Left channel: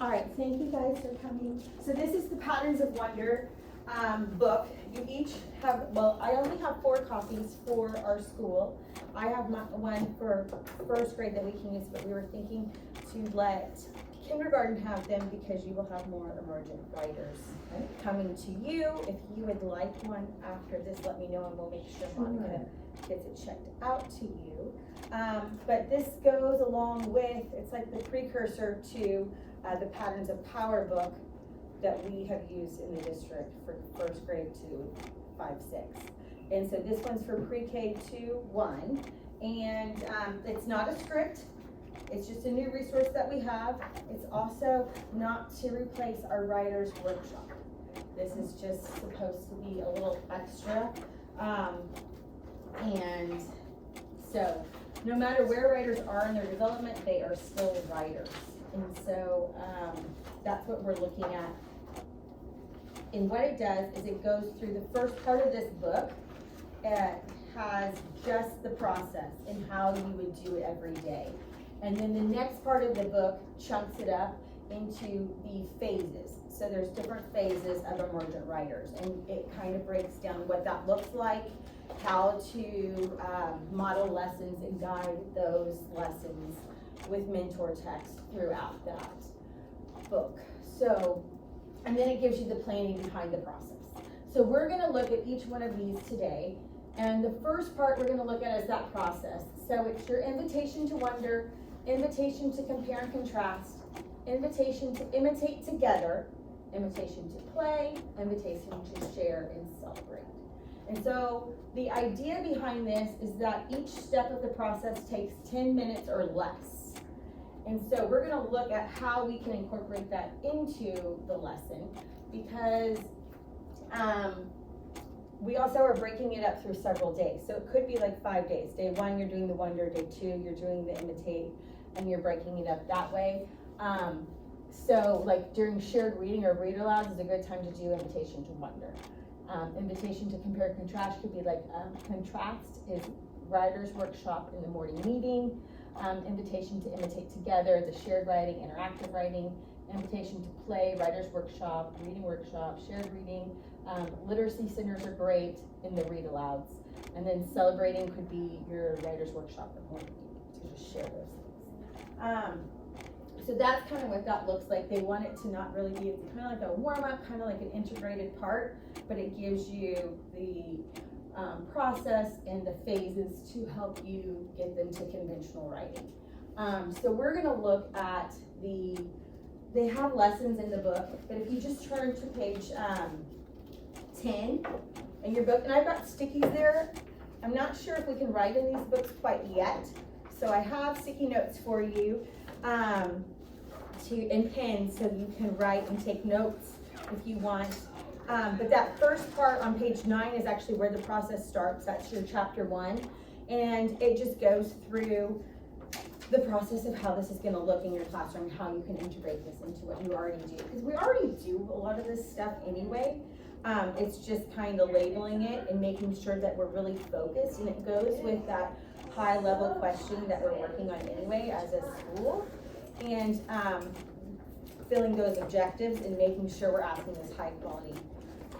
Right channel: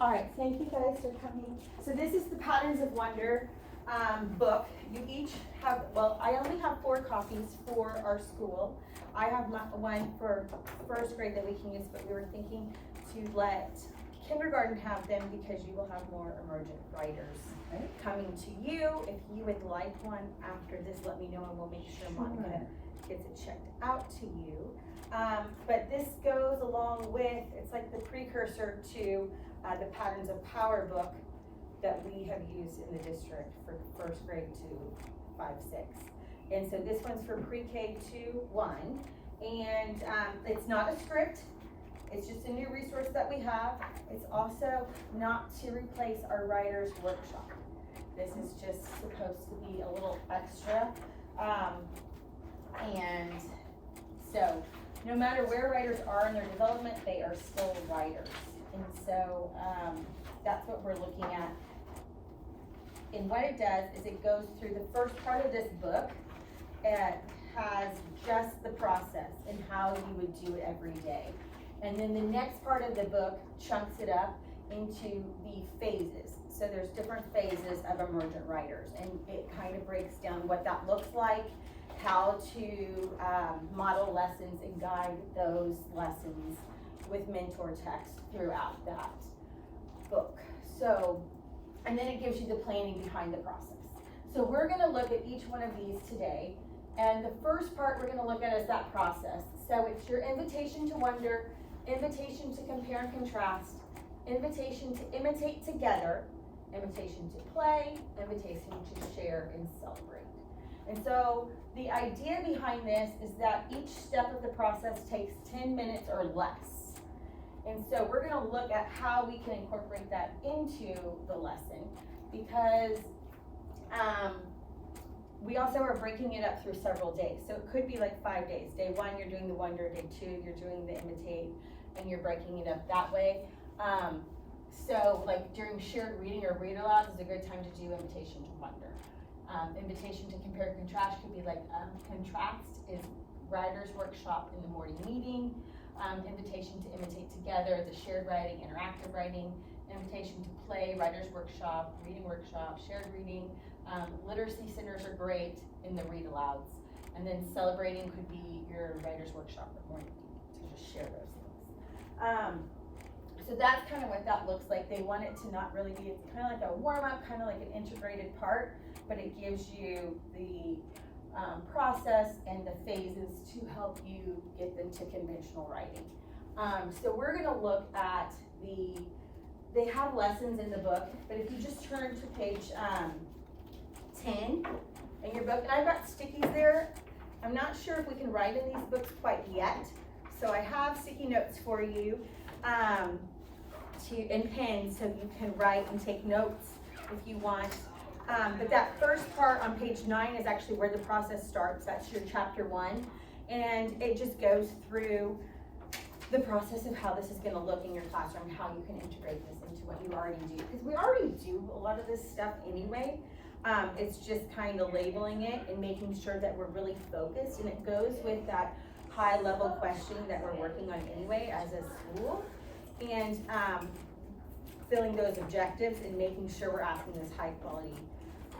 All right, thank you guys for coming. So this is the Patterns of Wonder book. You each have, well, I only have 4 copies for our school. I have one for first grade that we can use, but we were thinking to let kindergarten have them because you will have more emergent writers coming to you. If you would like one after this, let me know and we'll make sure Monica gets it checked out to you. But this goes along with, it's like the precursor to the Patterns of Power book that we have used in the district for first grade to 5, 6. And so this one's for pre-K to 1. And it's not a script, it's just a new resource that we have. It's also not to replace our writer's workshop. This is just supposed to be a little extra. And so no matter where writers are in their development, they are still writers. And so that's what we're looking at. And what it does is it goes through the first part of this book. It has just the process and how you would do it every day. And then the next part of the book chunks it up into the phases. So there's different phases of emergent writers, and it kind of breaks down what that looks like, how to model lessons and guide those lessons with mentor text throughout that book. So, and then it gives you the planning behind the process. So we're gonna look at each one of these today. And the first part we're gonna look at is that process. So it's your invitation to wonder, invitation to compare and contrast, invitation to imitate together, invitation to play, invitation to share and celebrate. And so the idea behind this is that each step of the process takes 10 minutes or less. And so we're gonna look at how we can incorporate that into the lesson, because we also are breaking it up through several days. So it could be like 5 days. Day 1, you're doing the wonder. Day 2, you're doing the imitate, and you're breaking it up that way. So like during shared reading or read alouds is a good time to do invitation to wonder. Invitation to compare and contrast could be like contrast is writer's workshop in the morning meeting. Invitation to imitate together is a shared writing, interactive writing. Invitation to play, writer's workshop, reading workshop, shared reading. Literacy centers are great in the read alouds. And then celebrating could be your writer's workshop at morning meeting, to just share those things. So that's kind of what that looks like. They want it to not really be, it's kind of like a warm-up, kind of like an integrated part, but it gives you the process and the phases to help you get them to conventional writing. So we're gonna look at they have lessons in the book, but if you just turn to page 10 in your book, and I've got stickies there. I'm not sure if we can write in these books quite yet, so I have sticky notes for you and pens so you can write and take notes if you want. But that first part on page 9 is actually where the process starts. That's your chapter 1, and it just goes through the process of how this is going to look in your classroom, how you can integrate this into what you already do, because we already do a lot of this stuff anyway. It's just kind of labeling it and making sure that we're really focused, and it goes with that high level question that we're working on anyway as a school, and filling those objectives and making sure we're asking those high quality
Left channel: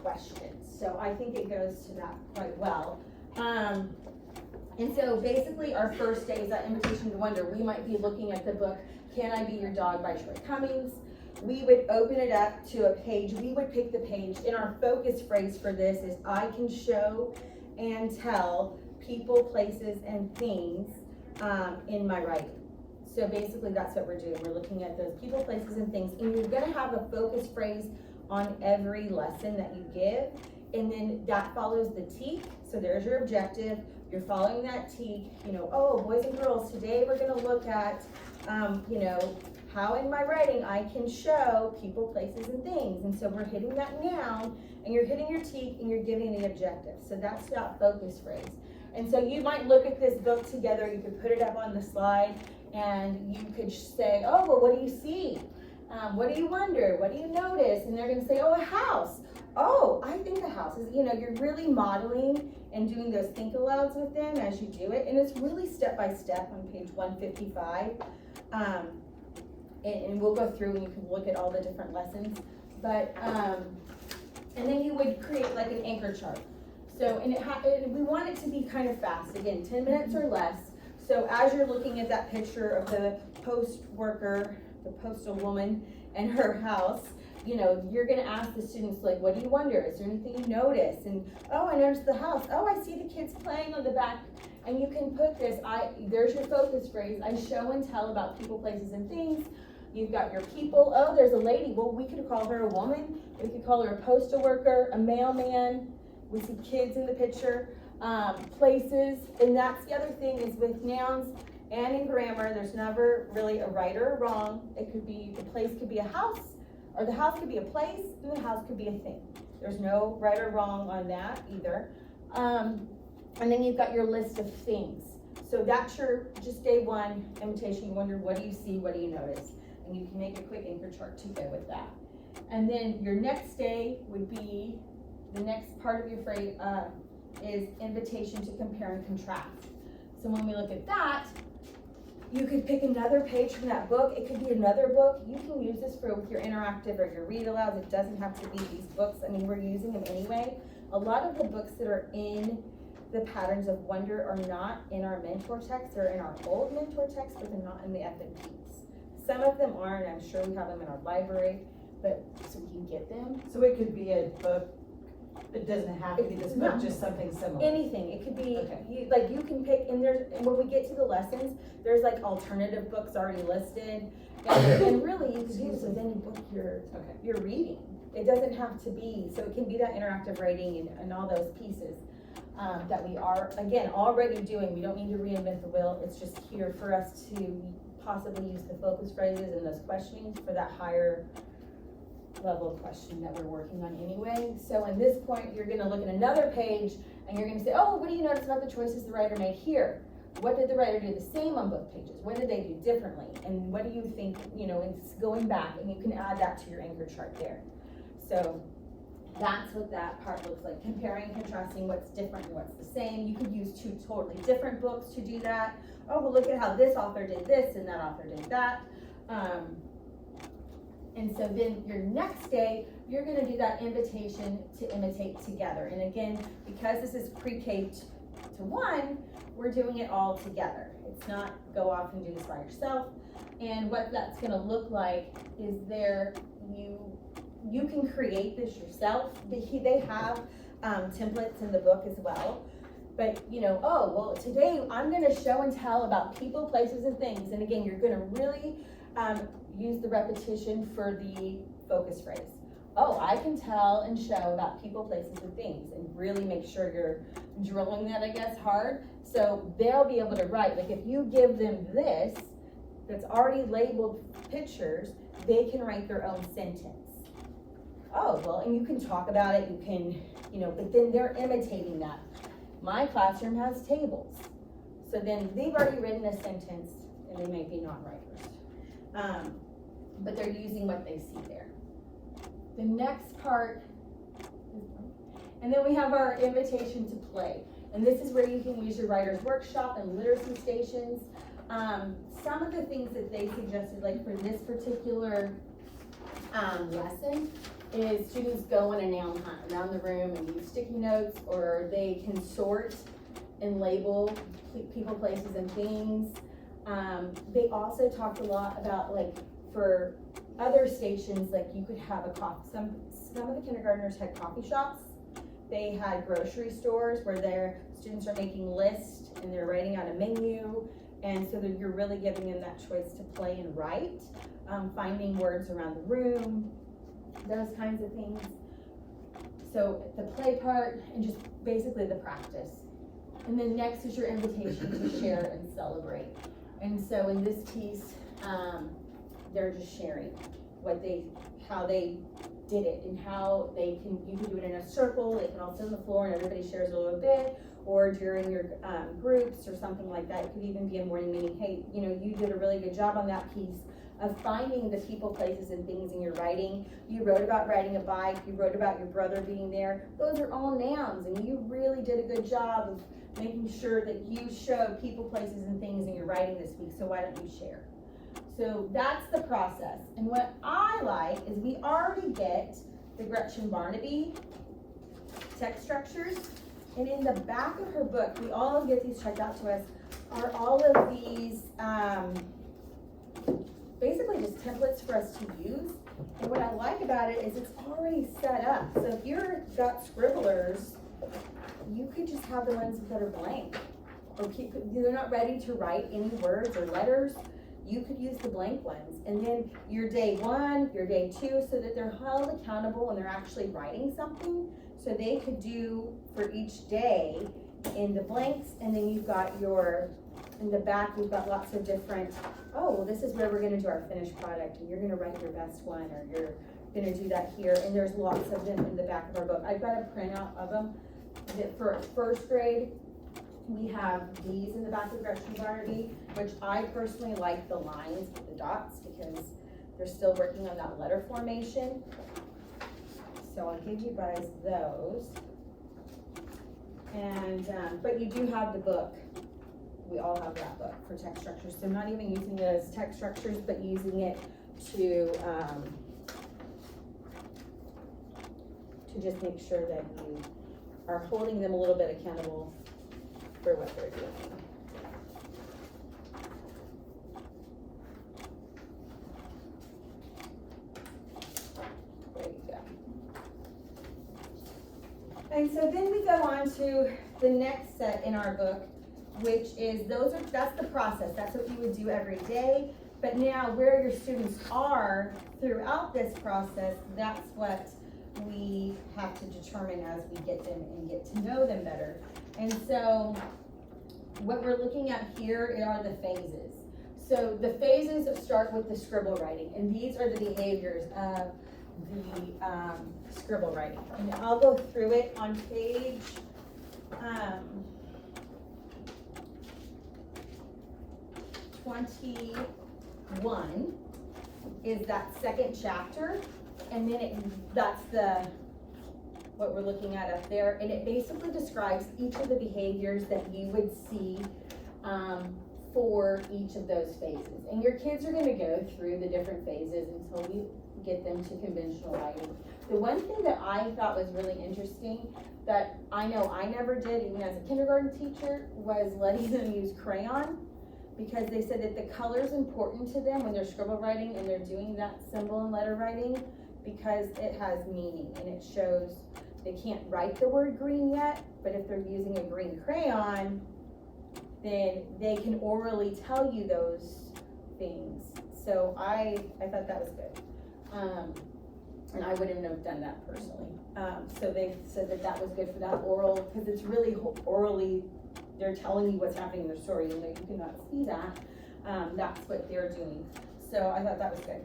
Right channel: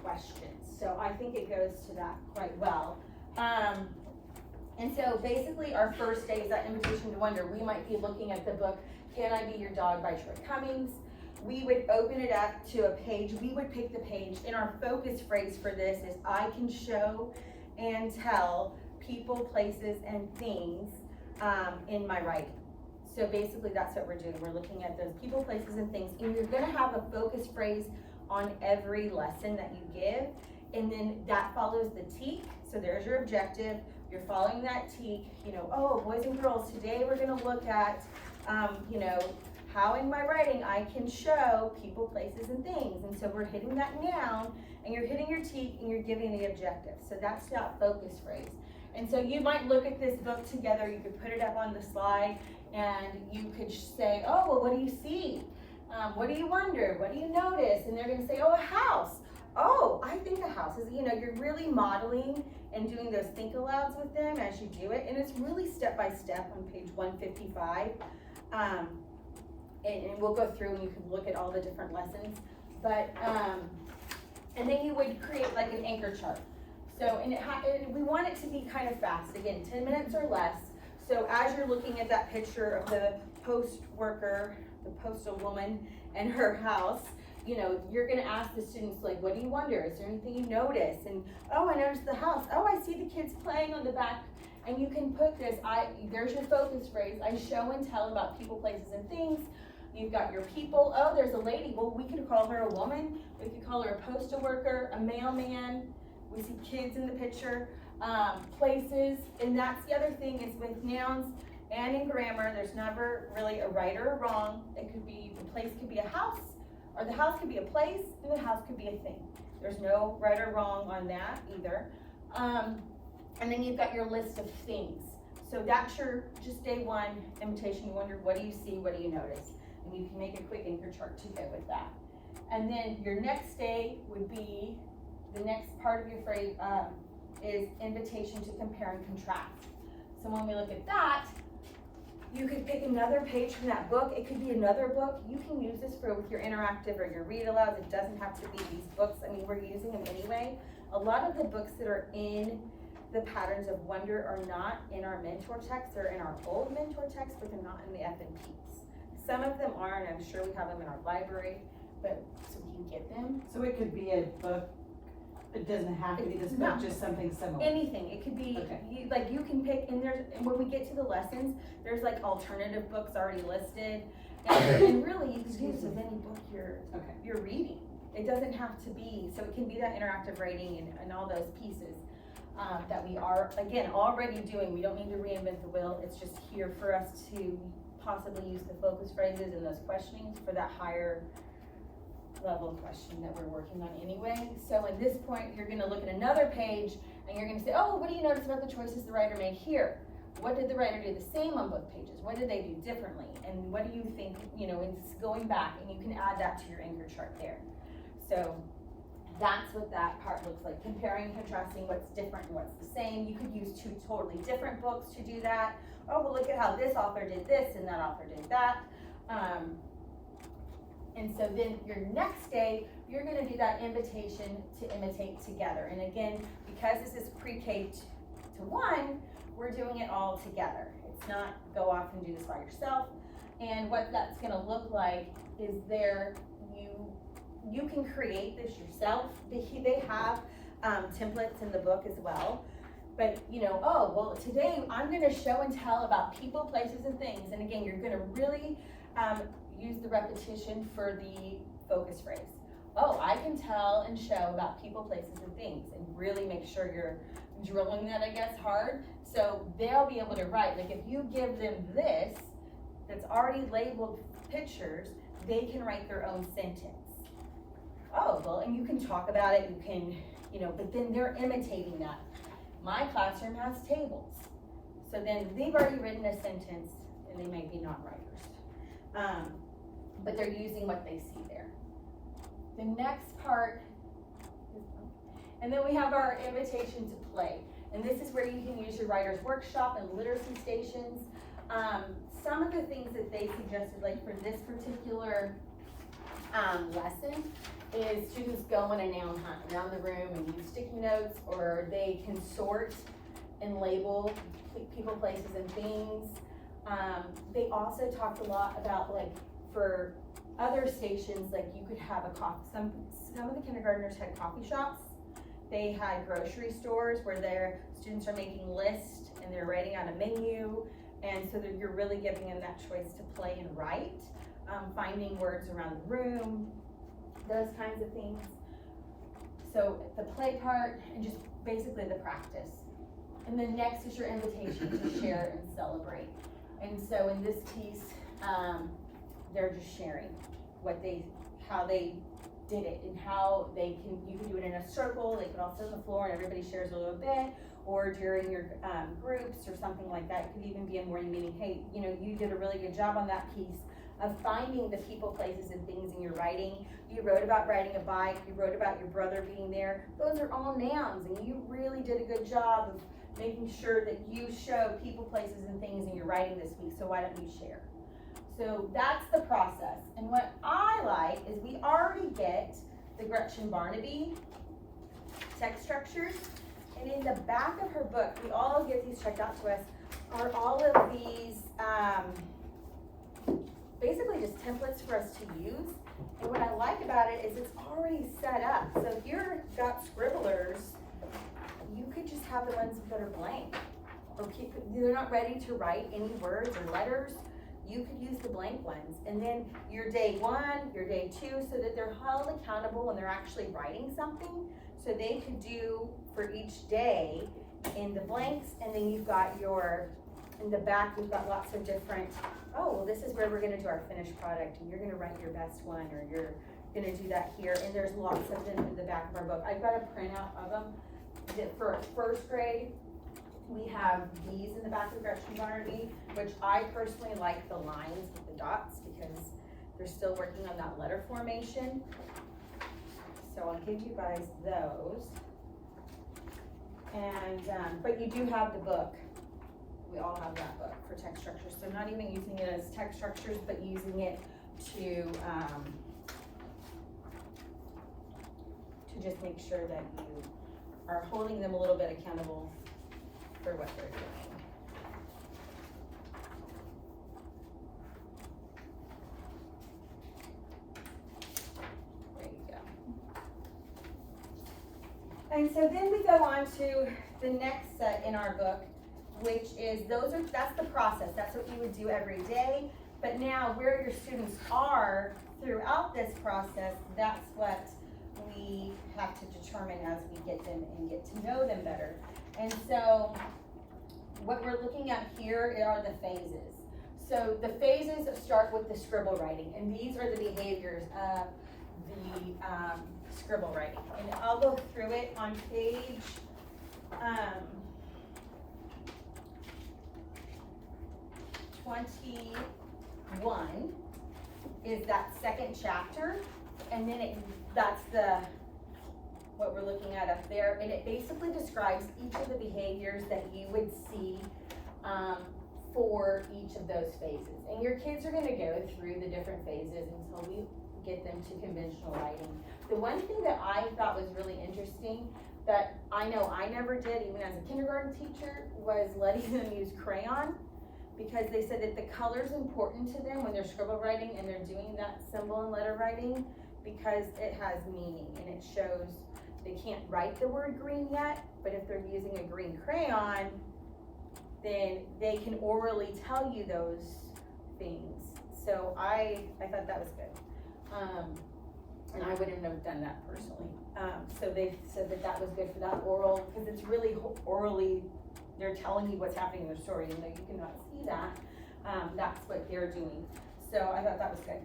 questions. So I think it goes to that quite well. And so basically our first day is that invitation to wonder. We might be looking at the book, Can I Be Your Dog by Troy Cummings. We would open it up to a page. We would pick the page, and our focus phrase for this is I can show and tell people, places, and things in my writing. So basically that's what we're doing. We're looking at those people, places, and things, and you're gonna have a focus phrase on every lesson that you give, and then that follows the teak. So there's your objective. You're following that teak, you know, oh, boys and girls, today we're gonna look at, you know, how in my writing I can show people, places, and things. And so we're hitting that noun, and you're hitting your teak, and you're giving the objective. So that's that focus phrase. And so you might look at this book together, you could put it up on the slide, and you could say, oh, well, what do you see? What do you wonder? What do you notice? And they're gonna say, oh, a house. Oh, I think a house is, you know, you're really modeling and doing those think alouds with them as you do it. And it's really step by step on page 155. and we'll go through and you can look at all the different lessons. But, and then you would create like an anchor chart. So, and we want it to be kind of fast, again, 10 minutes or less. So as you're looking at that picture of the post worker, the postal woman and her house, you know, you're gonna ask the students, like, what do you wonder? Is there anything you notice? And, oh, I noticed the house. Oh, I see the kids playing on the back. And you can put this, there's your focus phrase. I show and tell about people, places, and things. You've got your people. Oh, there's a lady. Well, we could call her a woman. We could call her a postal worker, a mailman. We see kids in the picture, places. And that's the other thing is with nouns and in grammar, there's never really a right or a wrong. It could be, the place could be a house, or the house could be a place, and the house could be a thing. There's no right or wrong on that either. And then you've got your list of things. So that's your, just day one, invitation. You wonder, what do you see, what do you notice? And you can make a quick anchor chart to go with that. And then your next day would be, the next part of your phrase is invitation to compare and contrast. So when we look at that, you could pick another page from that book. It could be another book. You can use this for with your interactive or your read alouds. It doesn't have to be these books. I mean, we're using them anyway. A lot of the books that are in the Patterns of Wonder are not in our mentor text. They're in our old mentor text, but they're not in the FNPs. Some of them are, and I'm sure we have them in our library, but so we can get them. So it could be a book. It doesn't have to be this book, just something similar. Anything. It could be, okay. You can pick, and when we get to the lessons, there's like alternative books already listed. And really, you can use with any book you're reading. It doesn't have to be, so it can be that interactive writing and all those pieces that we are, again, already doing. We don't need to reinvent the wheel. It's just here for us to possibly use the focus phrases and those questionings for that higher level of question that we're working on anyway. So in this point, you're gonna look at another page and you're gonna say, oh, what do you notice about the choices the writer made here? What did the writer do the same on both pages? What did they do differently? And what do you think, you know, it's going back, and you can add that to your anchor chart there. So that's what that part looks like, comparing and contrasting what's different and what's the same. You could use two totally different books to do that. Oh, well, look at how this author did this and that author did that. And so then your next day, you're gonna do that invitation to imitate together. And again, because this is pre-K to 1, we're doing it all together. It's not go off and do this by yourself. And what that's gonna look like is you can create this yourself. They have templates in the book as well. But you know, oh, well, today I'm gonna show and tell about people, places, and things. And again, you're gonna really use the repetition for the focus phrase. Oh, I can tell and show about people, places, and things, and really make sure you're drilling that, I guess, hard. So they'll be able to write. Like if you give them this, that's already labeled pictures, they can write their own sentence. Oh, well, and you can talk about it, you can, you know, but then they're imitating that. My classroom has tables. So then they've already written a sentence, and they may be not writers. But they're using what they see there. The next part, and then we have our invitation to play. And this is where you can use your writer's workshop and literacy stations. Some of the things that they suggested, like for this particular lesson, is students go on a noun hunt around the room and use sticky notes, or they can sort and label people, places, and things. They also talked a lot about, like, for other stations, like you could have a coffee. Some of the kindergartners had coffee shops. They had grocery stores where their students are making lists and they're writing out a menu. And so that you're really giving them that choice to play and write, finding words around the room, those kinds of things. So the play part and just basically the practice. And then next is your invitation to share and celebrate. And so in this piece, they're just sharing how they did it and how you can do it in a circle. They can all sit on the floor and everybody shares a little bit, or during your groups or something like that. It could even be a morning meeting. Hey, you know, you did a really good job on that piece of finding the people, places, and things in your writing. You wrote about riding a bike. You wrote about your brother being there. Those are all nouns, and you really did a good job of making sure that you show people, places, and things in your writing this week. So why don't you share? So that's the process. And what I like is we already get the Gretchen Barnaby text structures. And in the back of her book, we all get these checked out to us, are all of these, basically just templates for us to use. And what I like about it is it's already set up. So if you've got scribblers, you could just have the ones that are blank. Or they're not ready to write any words or letters, you could use the blank ones. And then your day 1, your day 2, so that they're held accountable when they're actually writing something. So they could do for each day in the blanks, and then you've got in the back, you've got lots of different, oh, well, this is where we're gonna do our finished product, and you're gonna write your best one, or you're gonna do that here. And there's lots of them in the back of our book. I've got a printout of them. For first grade, we have these in the back of Gretchen Barnaby, which I personally like the lines with the dots because they're still working on that letter formation. So I'll give you guys those. And, but you do have the book. We all have that book for text structures. So not even using it as text structures, but using it to just make sure that you are holding them a little bit accountable for what they're doing. There you go. And so then we go on to the next set in our book, which is that's the process. That's what you would do every day. But now where your students are throughout this process, that's what we have to determine as we get them and get to know them better. And so what we're looking at here are the phases. So the phases start with the scribble writing, and these are the behaviors of the scribble writing. And I'll go through it on page 21 is that second chapter, and then that's what we're looking at up there, and it basically describes each of the behaviors that you would see for each of those phases. And your kids are gonna go through the different phases until we get them to conventional writing. The one thing that I thought was really interesting that I know I never did even as a kindergarten teacher was letting them use crayon, because they said that the color is important to them when they're scribble writing and they're doing that symbol and letter writing, because it has meaning and it shows they can't write the word green yet, but if they're using a green crayon, then they can orally tell you those things. So I thought that was good. And I wouldn't have done that personally. So they said that was good for that oral, because it's really orally, they're telling you what's happening in their story, and you cannot see that. That's what they're doing. So I thought that was good.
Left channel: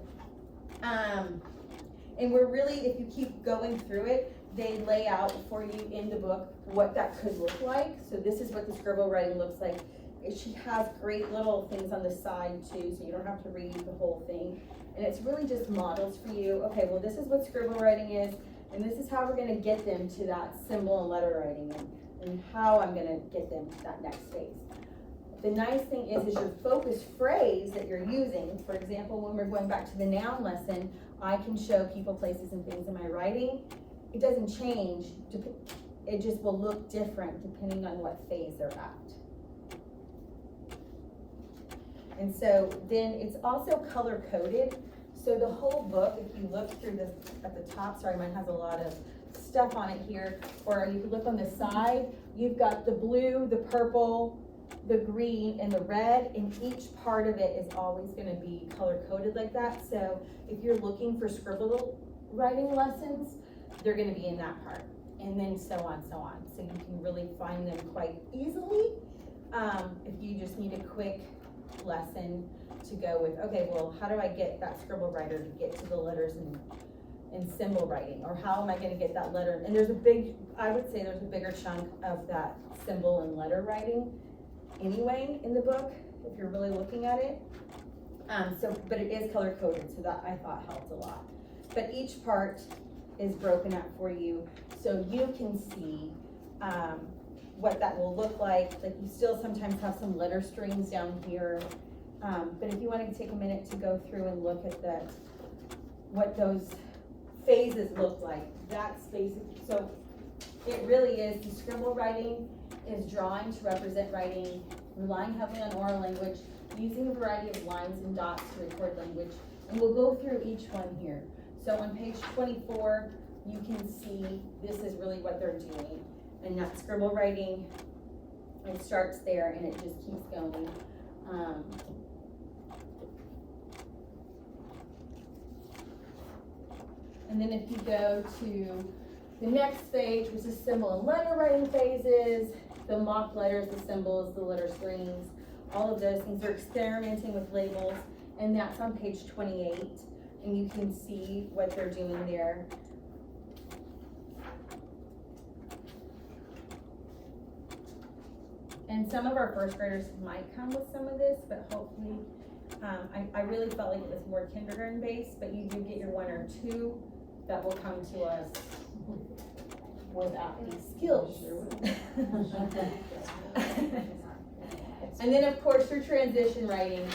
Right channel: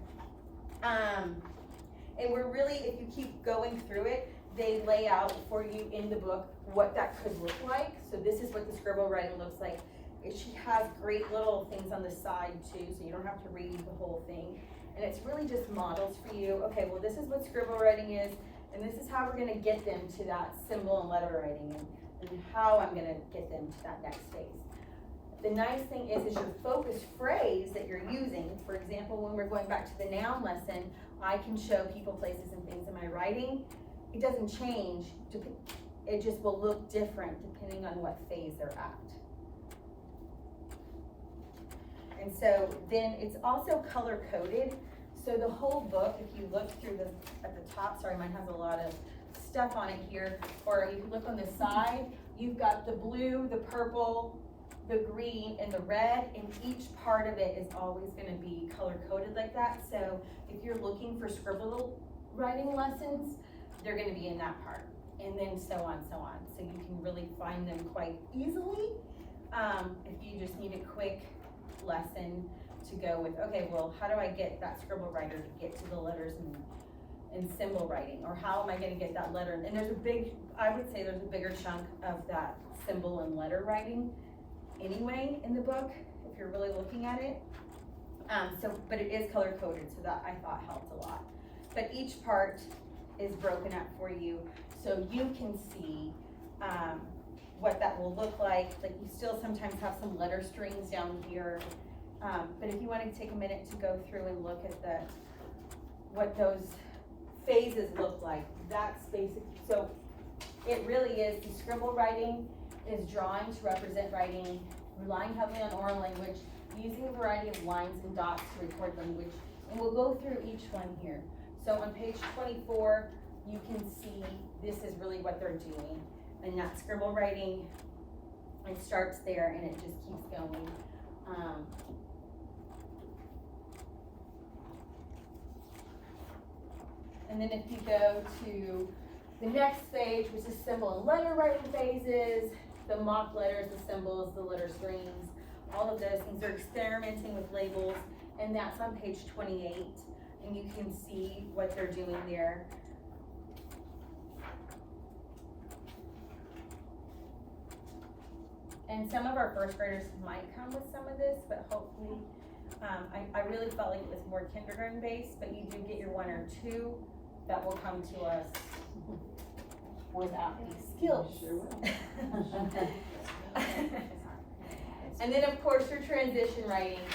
And we're really, if you keep going through it, they lay out for you in the book what that could look like. So this is what the scribble writing looks like. She has great little things on the side too, so you don't have to read the whole thing. And it's really just models for you. Okay, well, this is what scribble writing is, and this is how we're gonna get them to that symbol and letter writing, and how I'm gonna get them to that next phase. The nice thing is your focus phrase that you're using. For example, when we're going back to the noun lesson, I can show people, places, and things in my writing. It doesn't change, it just will look different depending on what phase they're at. And so then it's also color coded. So the whole book, if you look through at the top, sorry, mine has a lot of stuff on it here, or you can look on the side, you've got the blue, the purple, the green, and the red, and each part of it is always gonna be color coded like that. So if you're looking for scribble writing lessons, they're gonna be in that part, and then so on, so on. So you can really find them quite easily. If you just need a quick lesson to go with, okay, well, how do I get that scribble writer to get to the letters and symbol writing, or how am I gonna get that letter? And I would say there's a bigger chunk of that symbol and letter writing anyway in the book, if you're really looking at it. But it is color coded, so that I thought helped a lot. But each part is broken up for you, so you can see what that will look like. Like you still sometimes have some letter strings down here, But if you wanted to take a minute to go through and look at what those phases look like, that's basic. So it really is, the scribble writing is drawing to represent writing, relying heavily on oral language, using a variety of lines and dots to record language. And we'll go through each one here. So on page 24, you can see this is really what they're doing. And that scribble writing, it starts there and it just keeps going. And then if you go to the next page, which is symbol and letter writing phases, the mock letters, the symbols, the letter strings, all of those things, they're experimenting with labels, and that's on page 28, and you can see what they're doing there. And some of our first graders might come with some of this, but hopefully, I really felt like it was more kindergarten based, but you do get your 1 or 2 that will come to us without any skills. And then of course your transition writing,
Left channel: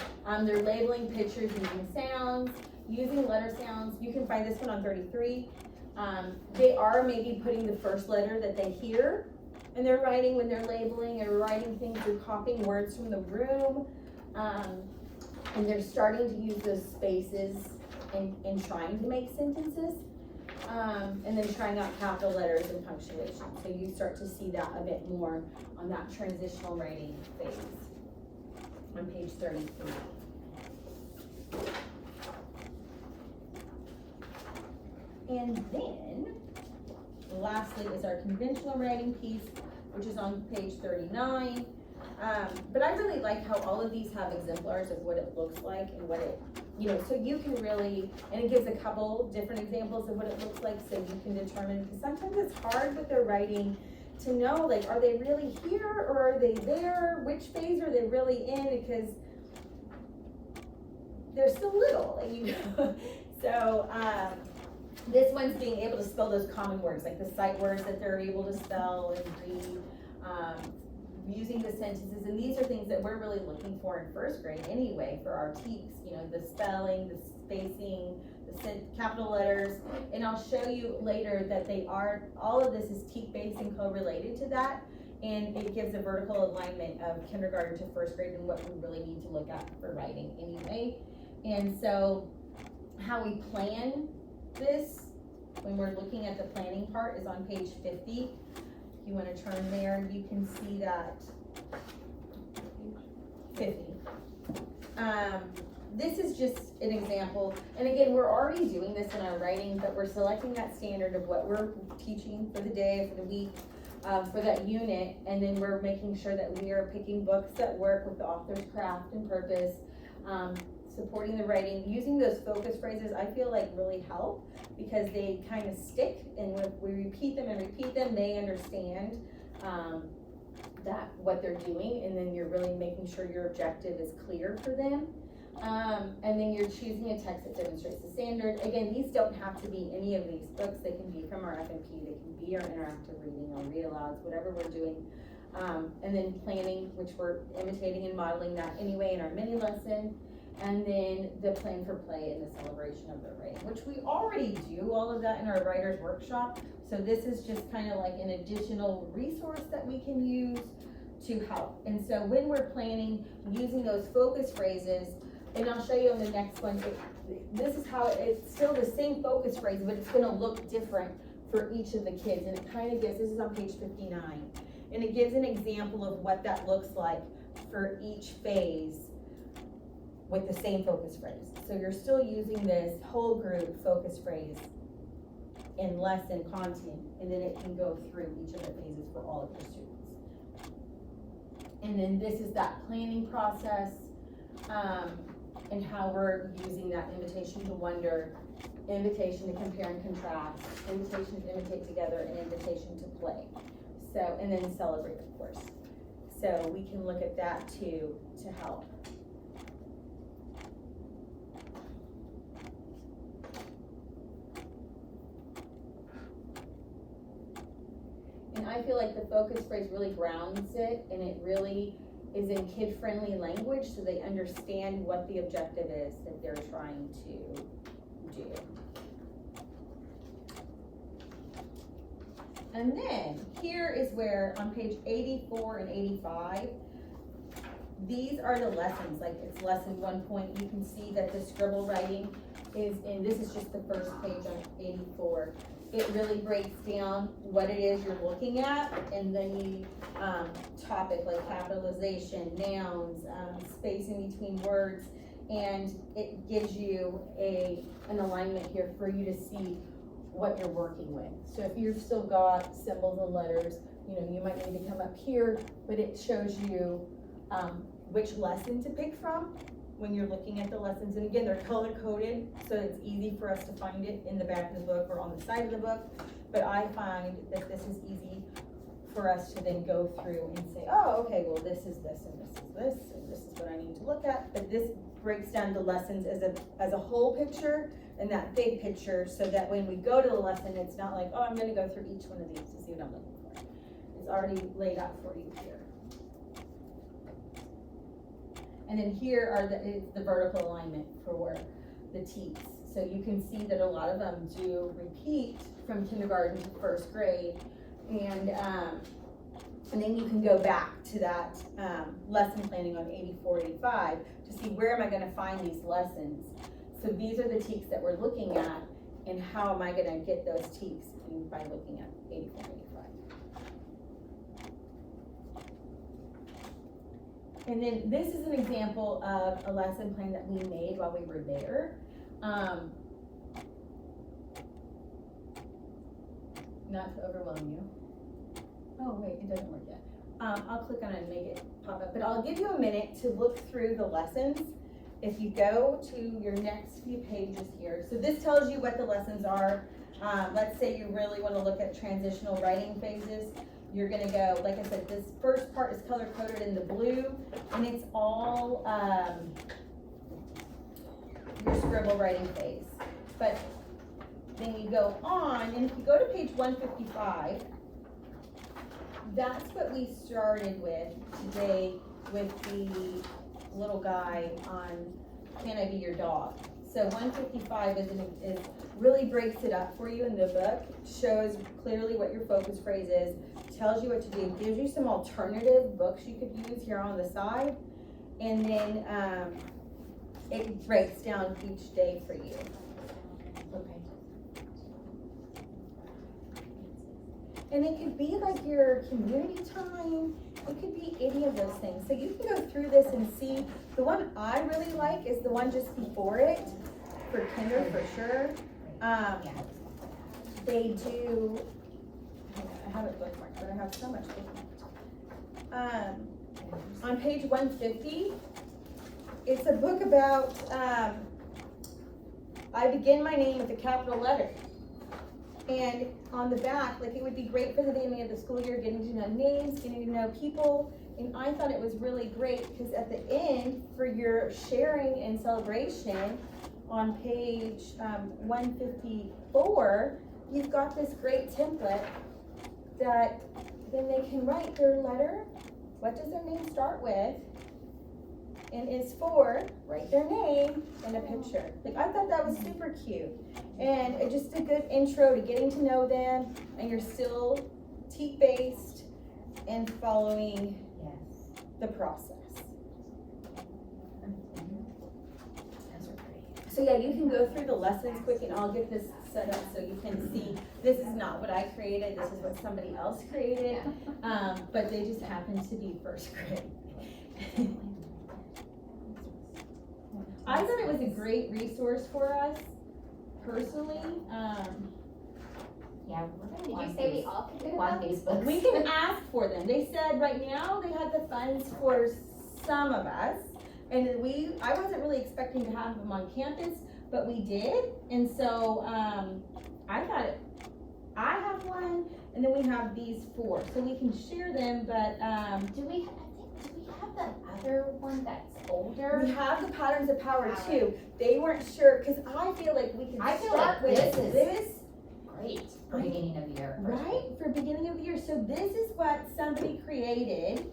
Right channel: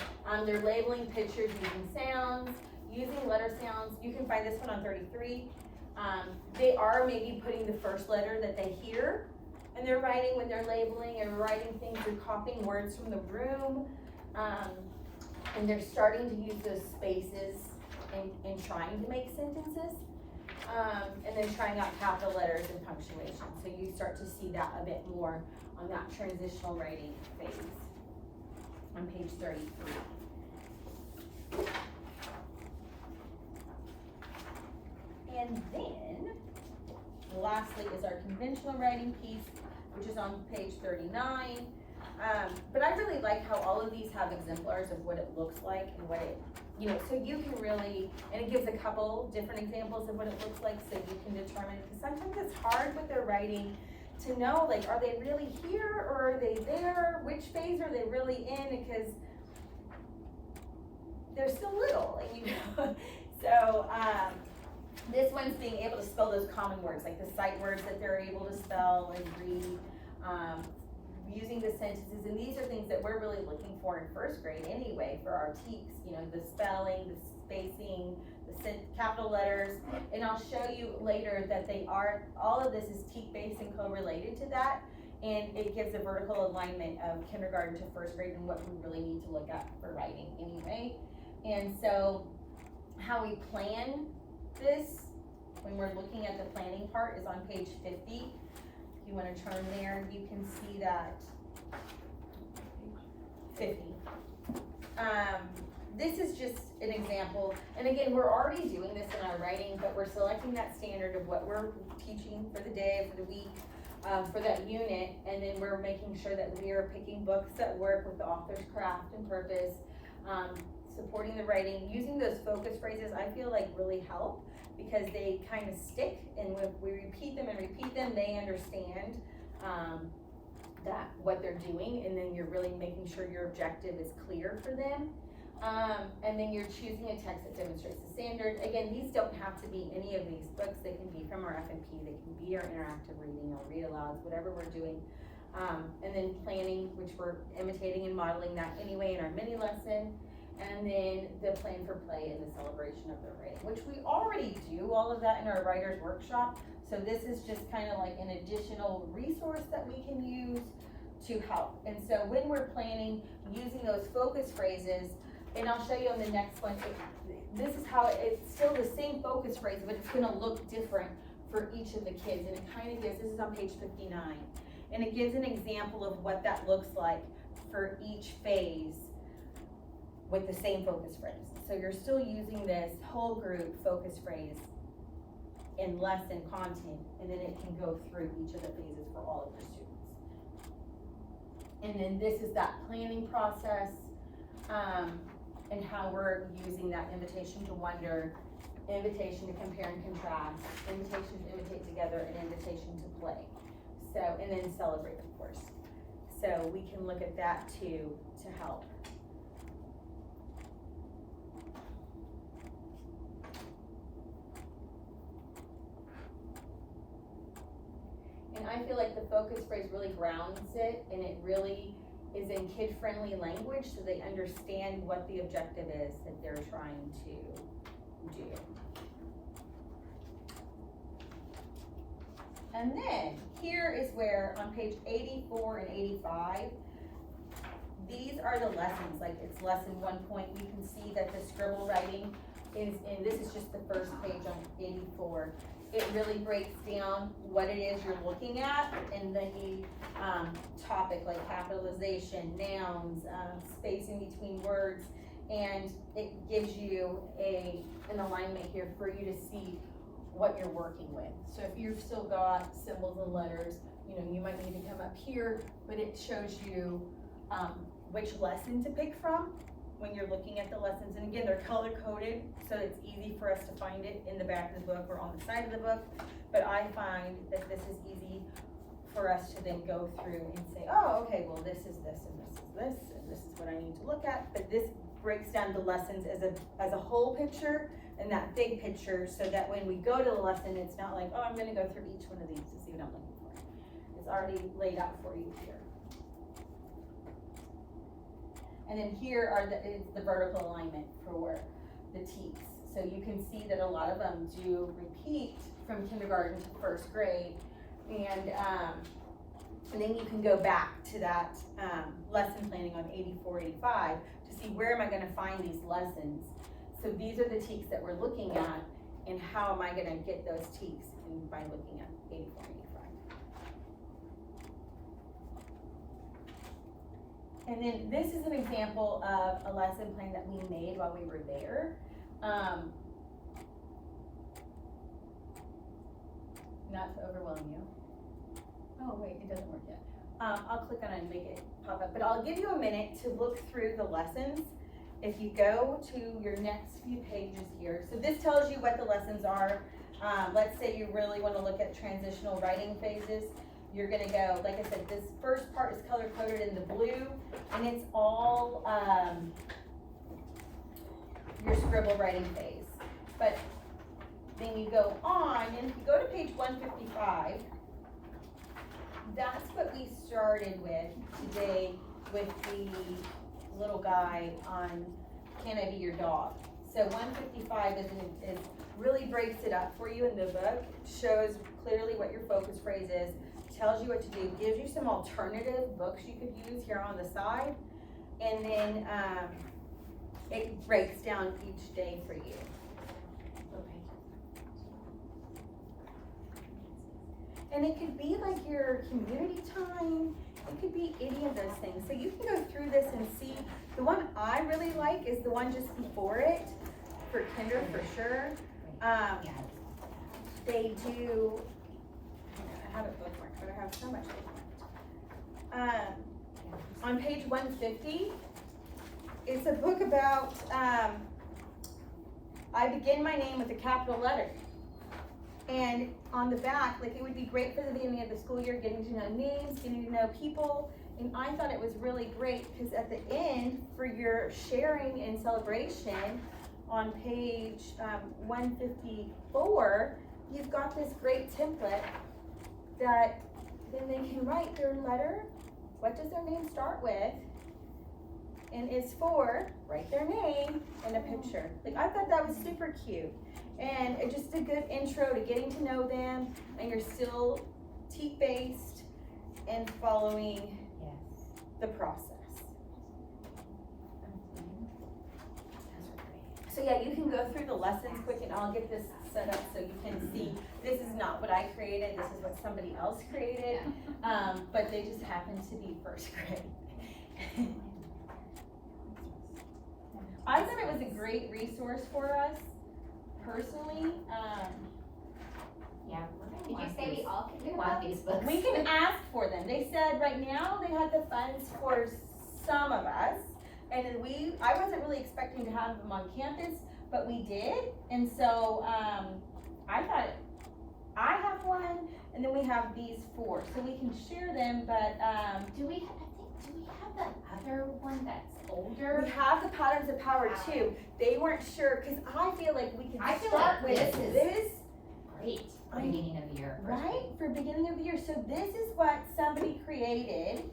they're labeling pictures using sounds, using letter sounds. You can find this one on 33. They are maybe putting the first letter that they hear, and they're writing when they're labeling or writing things, they're copying words from the room, and they're starting to use those spaces and trying to make sentences. And then trying out capital letters and punctuation. So you start to see that a bit more on that transitional writing phase on page 33. And then, lastly is our conventional writing piece, which is on page 39. But I really like how all of these have exemplars of what it looks like and what it, so you can really, and it gives a couple different examples of what it looks like, so you can determine, because sometimes it's hard with their writing to know, like, are they really here or are they there? Which phase are they really in? Because they're so little, and so this one's being able to spell those common words, like the sight words that they're able to spell and read, using the sentences, and these are things that we're really looking for in first grade anyway for our TEEPs, the spelling, the spacing, the capital letters, and I'll show you later that all of this is TEEP based and co-related to that, and it gives a vertical alignment of kindergarten to first grade and what we really need to look at for writing anyway. And so how we plan this when we're looking at the planning part is on page 50. You want to turn there, you can see that 50. This is just an example, and again, we're already doing this in our writing, but we're selecting that standard of what we're teaching for the day, for the week, for that unit, and then we're making sure that we are picking books that work with the author's craft and purpose, supporting the writing, using those focus phrases. I feel like really help, because they kind of stick, and when we repeat them, they understand that what they're doing, and then you're really making sure your objective is clear for them. And then you're choosing a text that demonstrates the standard. Again, these don't have to be any of these books. They can be from our F&P, they can be our interactive reading, our read-alouds, whatever we're doing. And then planning, which we're imitating and modeling that anyway in our mini lesson. And then the plan for play and the celebration of their writing, which we already do all of that in our writer's workshop. So this is just kind of like an additional resource that we can use to help. And so when we're planning, using those focus phrases, and I'll show you on the next one, this is how it's still the same focus phrase, but it's gonna look different for each of the kids. And it kind of gives, this is on page 59, and it gives an example of what that looks like for each phase with the same focus phrase. So you're still using this whole group focus phrase in lesson content, and then it can go through each of the phases for all of your students. And then this is that planning process, and how we're using that invitation to wonder, invitation to compare and contrast, invitation to imitate together, and invitation to play. So, and then celebrate, of course. So we can look at that too to help. And I feel like the focus phrase really grounds it, and it really is in kid-friendly language so they understand what the objective is that they're trying to do. And then here is where on page 84 and 85, these are the lessons, like it's lesson 1 point. You can see that the scribble writing is in, this is just the first page on 84. It really breaks down what it is you're looking at, and then you topic like capitalization, nouns, spacing between words, and it gives you an alignment here for you to see what you're working with. So if you've still got symbols and letters, you know, you might need to come up here, but it shows you which lesson to pick from when you're looking at the lessons. And again, they're color coded, so it's easy for us to find it in the back of the book or on the side of the book. But I find that this is easy for us to then go through and say, oh, okay, well, this is this, and this is this, and this is what I need to look at. But this breaks down the lessons as a whole picture and that big picture, so that when we go to the lesson, it's not like, oh, I'm gonna go through each one of these to see what I'm looking for. It's already laid out for you here. And then here are the vertical alignment for the teaks. So you can see that a lot of them do repeat from kindergarten to first grade. And then you can go back to that lesson planning on 84, 85 to see where am I gonna find these lessons. So these are the teaks that we're looking at, and how am I gonna get those teaks by looking at 84, 85. And then this is an example of a lesson plan that we made while we were there. Not to overwhelm you. Oh wait, it doesn't work yet. I'll click on it and make it pop up, but I'll give you a minute to look through the lessons. If you go to your next few pages here, so this tells you what the lessons are. Let's say you really want to look at transitional writing phases. You're gonna go, like I said, this first part is color coded in the blue, and it's all your scribble writing phase. But then you go on, and if you go to page 155, that's what we started with today with the little guy on Can I Be Your Dog? So 155 is really breaks it up for you in the book, shows clearly what your focus phrase is, tells you what to do, gives you some alternative books you could use here on the side, and then it breaks down each day for you. Okay. And it could be like your community time. It could be any of those things. So you can go through this and see. The one I really like is the one just before it, for kinder for sure. They do, I have it bookmarked, but I have so much bookmarked. On page 150, it's a book about, I begin my name with a capital letter. And on the back, like, it would be great for the beginning of the school year, getting to know names, getting to know people. And I thought it was really great because at the end, for your sharing and celebration, on page 154, you've got this great template that then they can write their letter. What does their name start with? And is for, write their name in a picture. Like, I thought that was super cute. And it's just a good intro to getting to know them, and you're still teak-based and following the process. So yeah, you can go through the lessons quick, and I'll get this set up so you can see. This is not what I created, this is what somebody else created, but they just happen to be first grade. I thought it was a great resource for us, personally. Yeah, Did you say we all can do one these books? We can ask for them. They said right now they had the funds for some of us, and then I wasn't really expecting to have them on campus, but we did, and so I thought I have one, and then we have these 4, so we can share them. But do we have the other one that's older? we have the Patterns of Power too. They weren't sure, because I feel like we can I feel start like with this. Great for beginning of the year. Right, for beginning of the year. So this is what somebody created.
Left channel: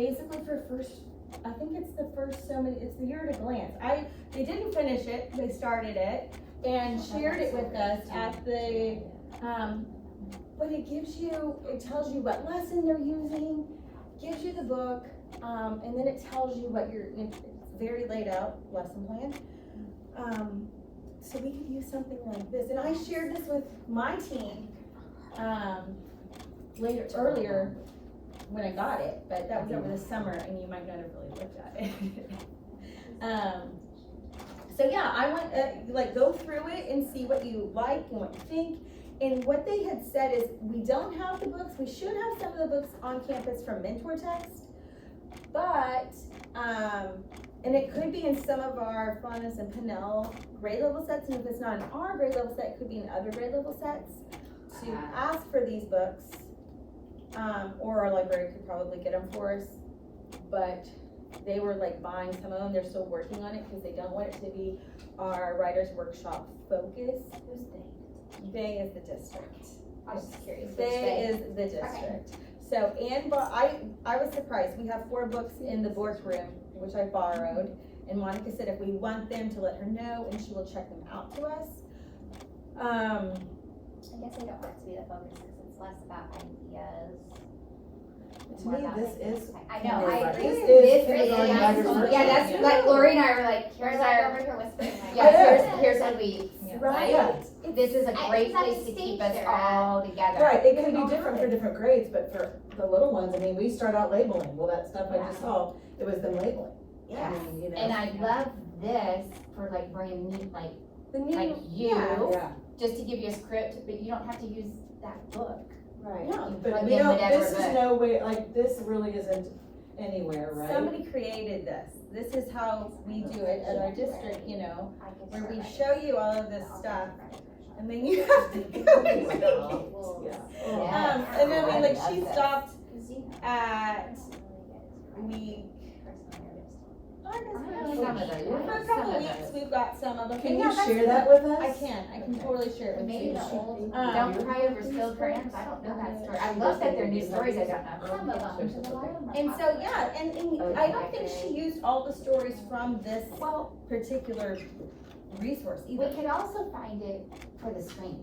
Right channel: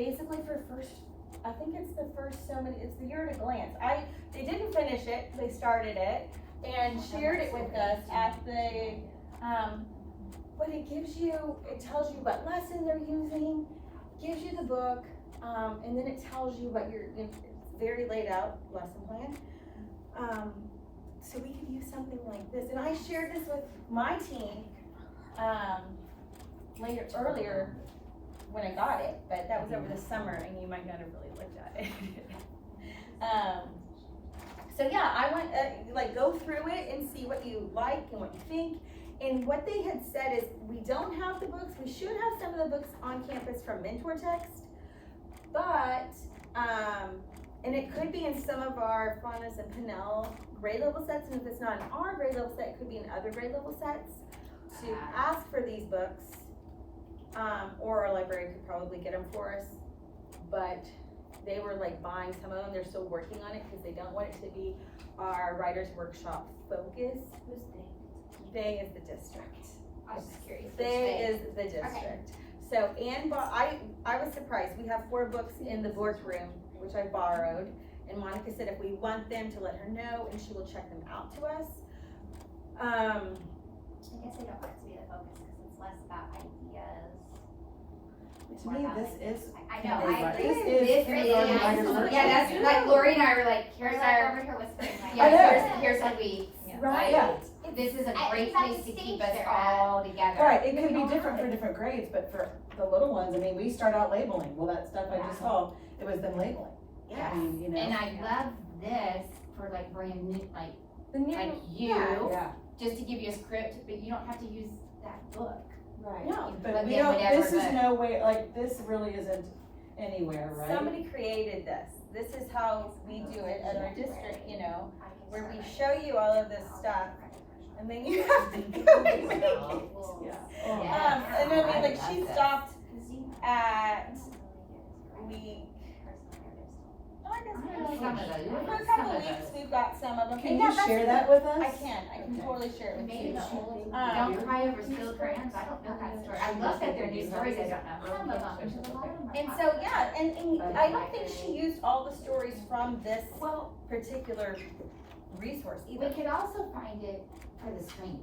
basically for first, I think it's the first so many, it's the year at a glance. They didn't finish it, they started it and shared it with us at the, but it gives you, it tells you what lesson they're using, gives you the book, and then it tells you what it's very laid out lesson plan. So we could use something like this, and I shared this with my team, earlier when I got it, but that was over the summer and you might not have really looked at it. So yeah, I went, like go through it and see what you like and what you think. And what they had said is, we don't have the books, we should have some of the books on campus from Mentor Text, but, and it could be in some of our Faunus and Pinnell grade level sets, and if it's not in our grade level set, it could be in other grade level sets, to ask for these books, or our library could probably get them for us, but they were like buying some of them, they're still working on it, because they don't want it to be our writer's workshop focus. Who's they? They is the district. I was just curious. which They is the district. So, I was surprised, we have 4 books in the boardroom, which I borrowed, and Monica said if we want them to let her know, and she will check them out to us. I guess I don't want it to be the focus, because it's less about ideas. and To more me, about, this like, is I know, I kindergarten. agree. This is This kindergarten is, writer's workshop. yeah, that's, like, Lori and I were like, here's We're like our, over here whispering. Like, yeah, here's what we, Right? Yeah. this is a great place to keep us all together. Right, it could be different for different grades, but for the little ones, I mean, we start out labeling, well, that stuff I just saw, it was them labeling. Yeah. I mean, you know. And I love this for like brand new, like The new, you, Yeah, just to give you a script, but you don't have to use that book. right. no, You But plug we in don't, whatever this is book. no way, like, this really isn't anywhere, right? somebody created this. This is how we do it at our district, you know, where we show you all of this stuff, and then you have to go and make it. Yeah. Oh. Yeah. And then, I like, love she this. stopped at week, Some of those. for a couple of weeks, we've got some of them. Can And yeah, you that's share the- that with us? I can totally share it with Maybe you. the old, Um, Don't Cry Over Spilled Crayons, I don't know that story. I love that they're new stories, I don't know. Some of them, because a lot of them are And so, popular. yeah, and I don't think she used all the stories from this particular resource We either. could also find it for the screen.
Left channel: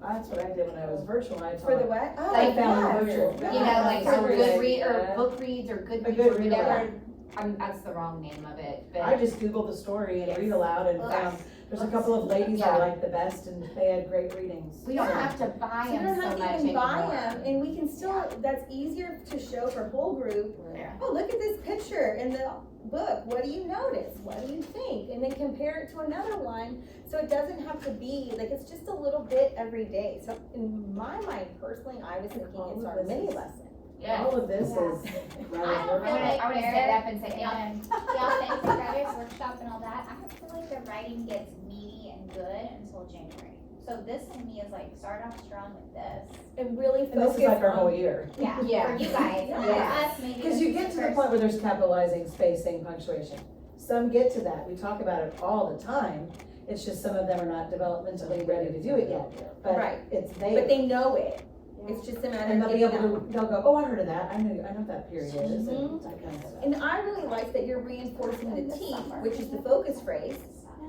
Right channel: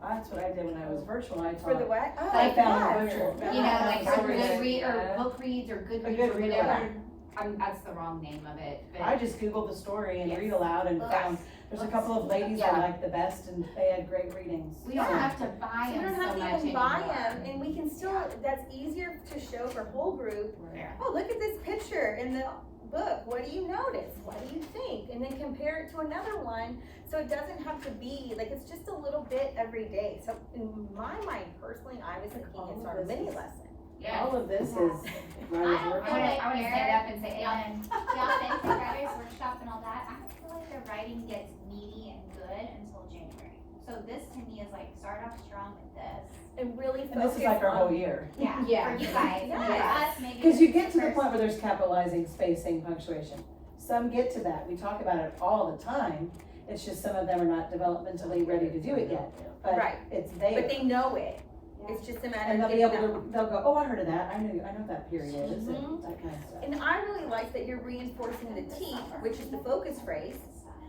That's what I did when I was virtual, I For the taught. what? Oh, Like, found yeah. virtual. You know, like our Good good read, or idea. book reads, or good A reads, good or read whatever. aloud. That's the wrong name of it, I but just Googled the story and Yes. read aloud and found, there's a couple of ladies I Yeah. liked the best and they had great readings. we don't Yeah. have to buy So you them don't so have much to even anymore. buy them, and we can still, that's easier to show for whole group. Yeah. Oh, look at this picture in the book, what do you notice, what do you think? And then compare it to another one, so it doesn't have to be, like, it's just a little bit every day. So in my mind personally, I was thinking all it's of our this mini is- lesson. Yeah. All of this is I writer's don't I workshop. wanna stand up and say amen. Y'all think the writer's workshop and all that, I feel like the writing gets meaty and good until January. So this to me is like, start off strong with this. And really And this is like our focus whole on- year. Yeah, Yeah. for you guys, and then for Yeah. us, maybe. Cause you this get is to the first- point where there's capitalizing, spacing, punctuation. Some get to that, we talk about it all the time, it's just some of them are not developmentally ready to do it yet. But Right. it's there. But they know it, it's just a matter And of they'll be getting able them. to, they'll go, oh, I heard of that, I know what that period is, and Mhm. that kind of stuff. And I really like that you're reinforcing the T, which is the focus phrase.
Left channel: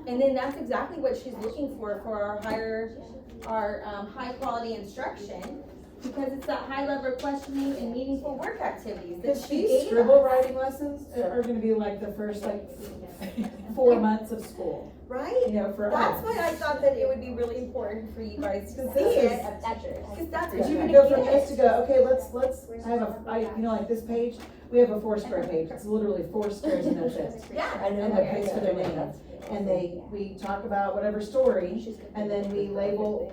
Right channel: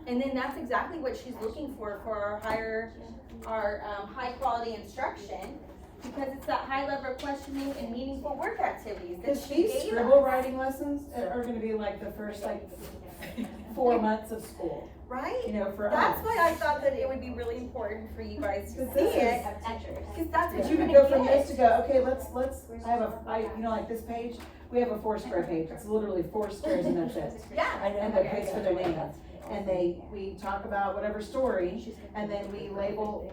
And then that's exactly what she's looking for our high quality instruction. Because it's that high level of questioning and meaningful work activities that Cause she these gave scribble us. writing lessons are gonna be like the first 4 months of school, Right? you know, for That's us. why I thought that it would be really important for you guys to Because see this it. is- Cause that's what Cause you're you gonna could go from this get. to go, okay, let's, I have you know, like this page, we have a 4-square page, it's literally 4 squares and that's it. Yeah. And the place for their name. And we talk about whatever story, and then we label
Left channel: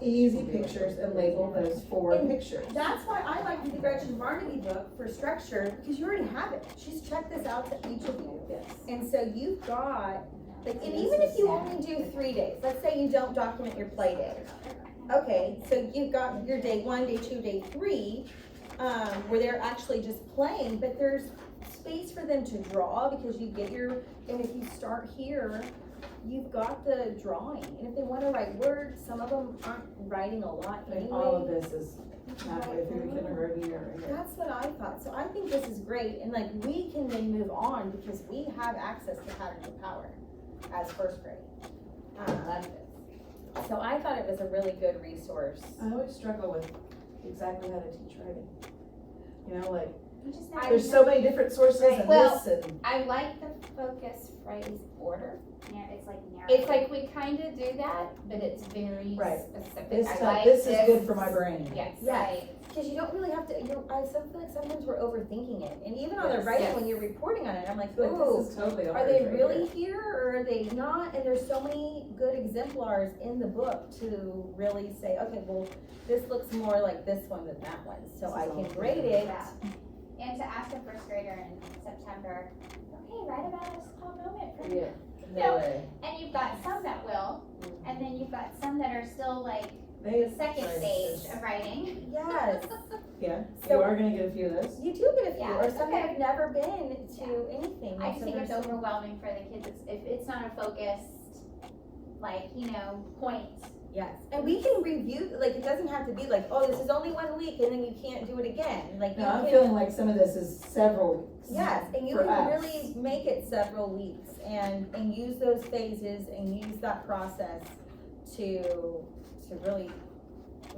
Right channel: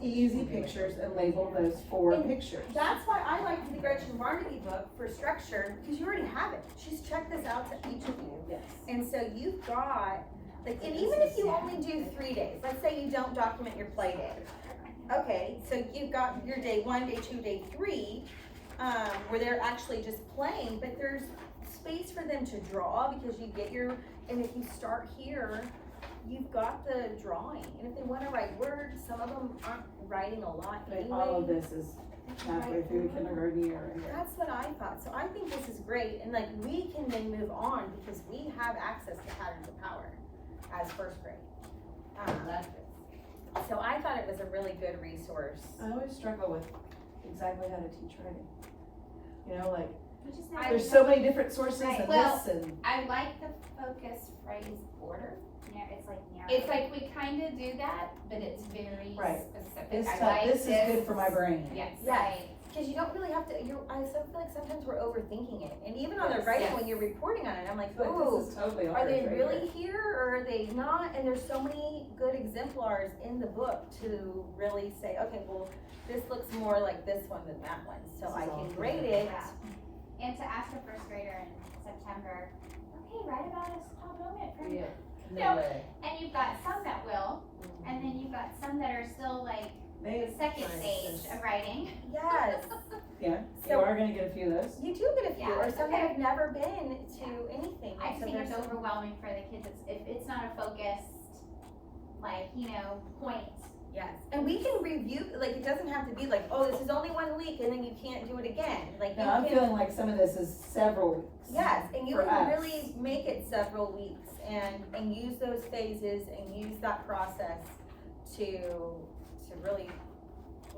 easy pictures and label those 4 And pictures. That's why I like the Gretchen Marty book for structure, because you already have it. She's checked this out to each of you. Yes. And so you've got, like, and even if you only do 3 days, let's say you don't document your play day. Okay, so you've got your day 1, day 2, day 3, where they're actually just playing, but there's space for them to draw because you get your, and if you start here, you've got the drawing, and if they wanna write words, some of them aren't writing a lot And all of anyway. this is halfway through the kindergarten year. and That's what I thought, so I think this is great, and like, we can then move on, because we have access to Patterns of Power as first grade. Love it. So I thought it was a really good resource. I always struggle with exactly how to teach writing. You know, like, You just I never there's know. so many different sources Right. and Well, this and. I like the focus phrase order. Yeah, it's like narrow. It's like we kinda do that, but it's very Right. specific. It's I tough, like this is good for my brain. Yes. Yes, because you don't really have to, I feel like sometimes we're overthinking it, and even on the Yes. writing, Yes. when you're reporting on it, I'm like, Like, ooh, this is totally are ours they right really here, or are they not? And there's so many good exemplars in the book to really say, okay, well, this looks more like this one than that one, so This I is all can grade it. Yeah. And to ask a first grader in September, okay, write about a small moment for you. Yeah, No. no way. And you've got some that will, and then you've got some that are still like They, the second stage of writing. Yes, yeah, So- you are gonna get a few of those. you do get a few, Yeah, or some okay. that have never been to anything. I just So think it's there's some- overwhelming for the kids if it's not a focused, like, point. Yes, and we can review, like, it doesn't have to be like, oh, this is only 1 week, and then you can't do it again, like, you Now, I'm can. feeling like some of this is several weeks. Yes, and you for can us. really make it several weeks and use those phases and use that process to really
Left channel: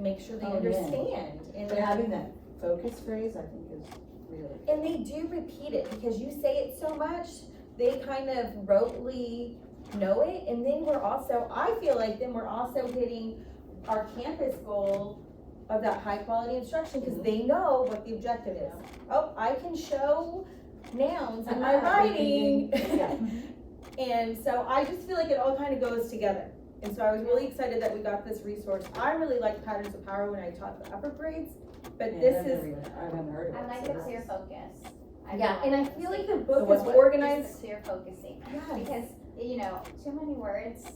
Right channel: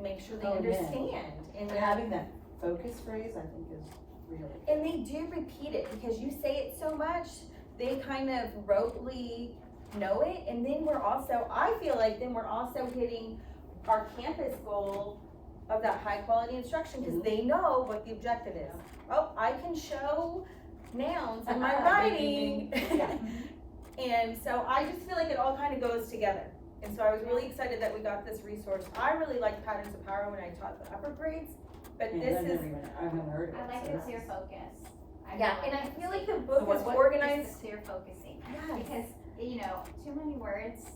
make sure they Oh, yeah. understand. And But having that focus phrase, I think is really. and they do repeat it because you say it so much, they kind of rotely know it. And then I feel like then we're also hitting our campus goal of that high quality instruction because they know what the objective is. Oh, I can show nouns in my writing. Yeah. And so I just feel like it all kind of goes together. And so I was really excited that we got this resource. I really like Patterns of Power when I taught the upper grades, but Yeah, this I've is, never even, I haven't heard of it. I like so the this clear is- focus. yeah, and I feel like the book what- is what- organized. Just the clear focusing, Yes. because, too many words,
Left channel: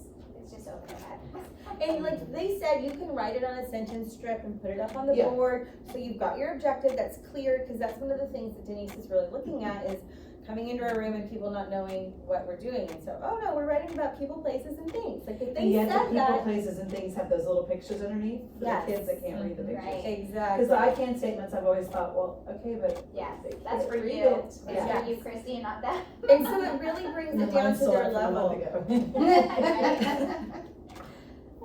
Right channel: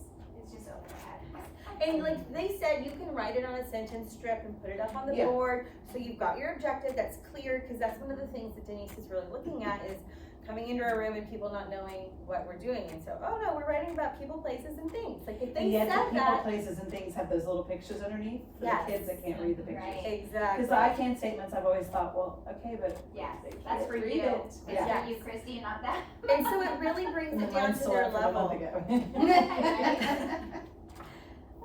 it's just overhead. And like they said, you can write it on a sentence strip and put it up on the Yeah. board, so you've got your objective that's clear, because that's one of the things that Denise is really looking at is coming into a room and people not knowing what we're doing, and so, oh no, we're writing about people, places, and things, like if And they yet the said people, that. places and things have those little pictures underneath for Yes. the kids that can't read the pictures. Right. Exactly. Cause the I can statements, I've always thought, well, okay, but Yes, they that's can't for read you. it. It's Yeah. for you, Christy, not that. And so it really brings it down Mine's to sold their from a month level. ago.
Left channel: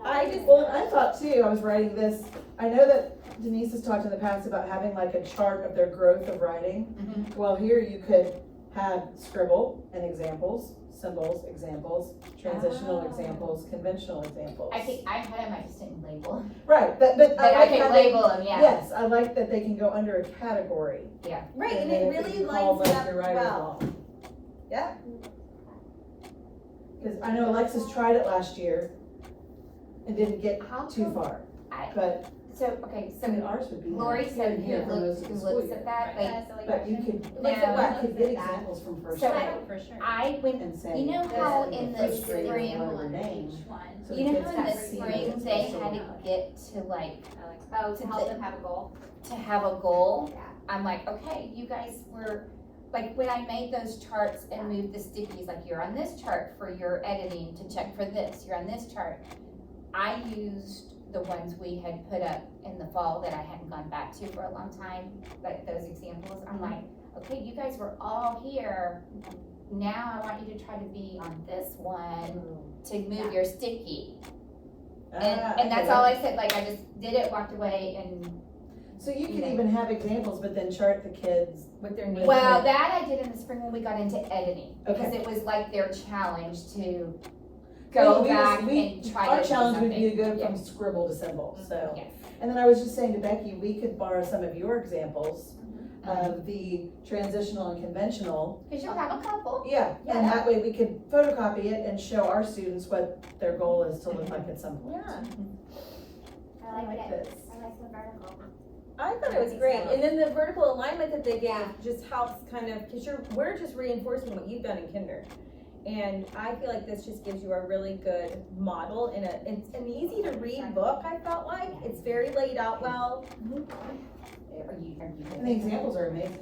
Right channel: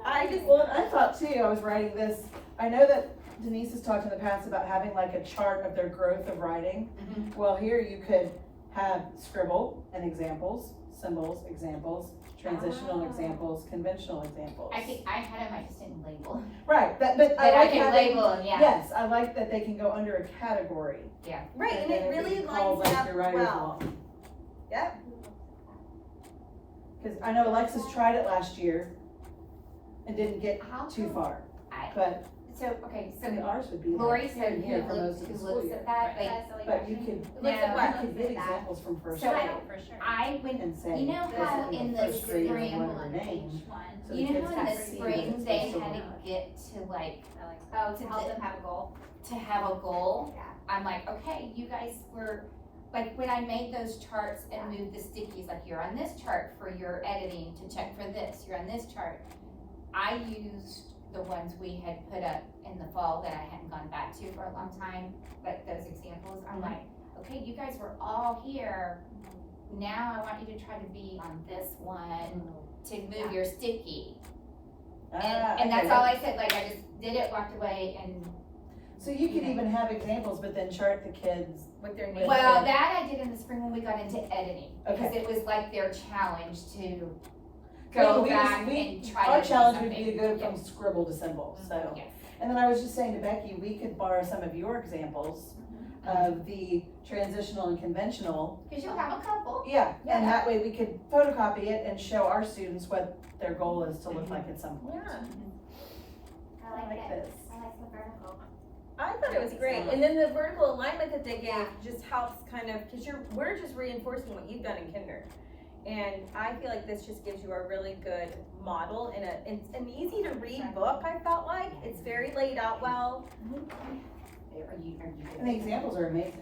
I just, Well, and I thought too, I was writing this, I know that Denise has talked in the past about having like a chart of their growth of writing. Well, here you could have scribble and examples, symbols, examples, transitional Oh. examples, conventional examples. I think I had them, I just didn't label. Right, but But I like can having- label them, yeah. Yes, I like that they can go under a category. right, and then it could really be called, lines like, up the writer's well. log. Yeah. Cause I know Alexis tried it last year and didn't get How too come- far, I, but so, okay, I mean, so ours would be Lori like said here who for most of the who school looks year. at that, like, That's a silly But you question. could, Look at what? you could get Look at that. examples from first So- grade For sure. I, when, and say. you know this how is in the first grade spring, and whatever name. Each one. So the you know kids how in can the see spring what's they supposed had to to get to like, Oh, To to help the- them have a goal. to have a goal? Yeah. I'm like, okay, you guys were, like, when I made those charts and moved the stickies, like, you're on this chart for your editing to check for this, you're on this chart. I used the ones we had put up in the fall that I hadn't gone back to for a long time, like those examples. I'm like, okay, you guys were all here. Now I want you to try to be on this one to move your sticky. And that's all I said, like, I just did it, walked away, and, So you could Yeah. even have examples, but then chart the kids. With their With name. well, that I did in the spring when we got into editing, because Okay. it was like their challenge to Well, go we just- back we- and try to Our do challenge would be to something. go from scribble to symbol, so. Yes. And then I was just saying to Becky, we could borrow some of your examples of the transitional and conventional. Cause you'll have a couple. Yeah, and Yeah. that way we could photocopy it and show our students what their goal is to look like at some point. Yeah. I like it. this. I like the vertical. I thought it was great, and then the vertical alignment that they gave just helps kind of, cause we're just reinforcing what you've done in kinder. And I feel like this just gives you a really good model and it's an easy to read book, I felt like, it's very laid out well. Are you And the examples are amazing.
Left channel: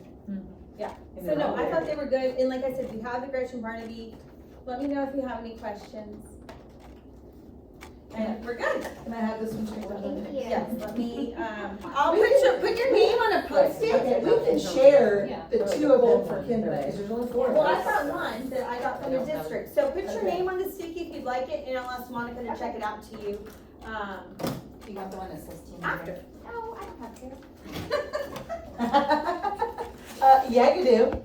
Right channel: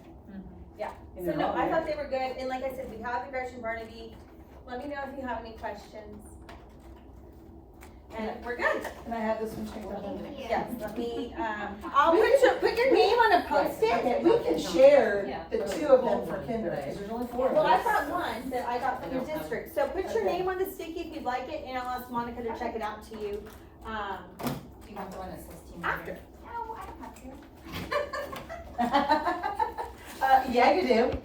Yeah. And So they're no, all I there. thought they were good, and like I said, we have the Gretchen Barnaby, let me know if you have any questions. and we're good. Can I have this one checked out? Thank you. Yes, let me, I'll put your name on a post-it. Okay, we can share the two of them for Kinder, because there's only 4 of Well, us. I've got one that I got from the district, so put your name on the sticky if you'd like it, and I'll ask Monica to check it out to you. You got the one that says team After. leader. No, I don't have to. Yeah, you do.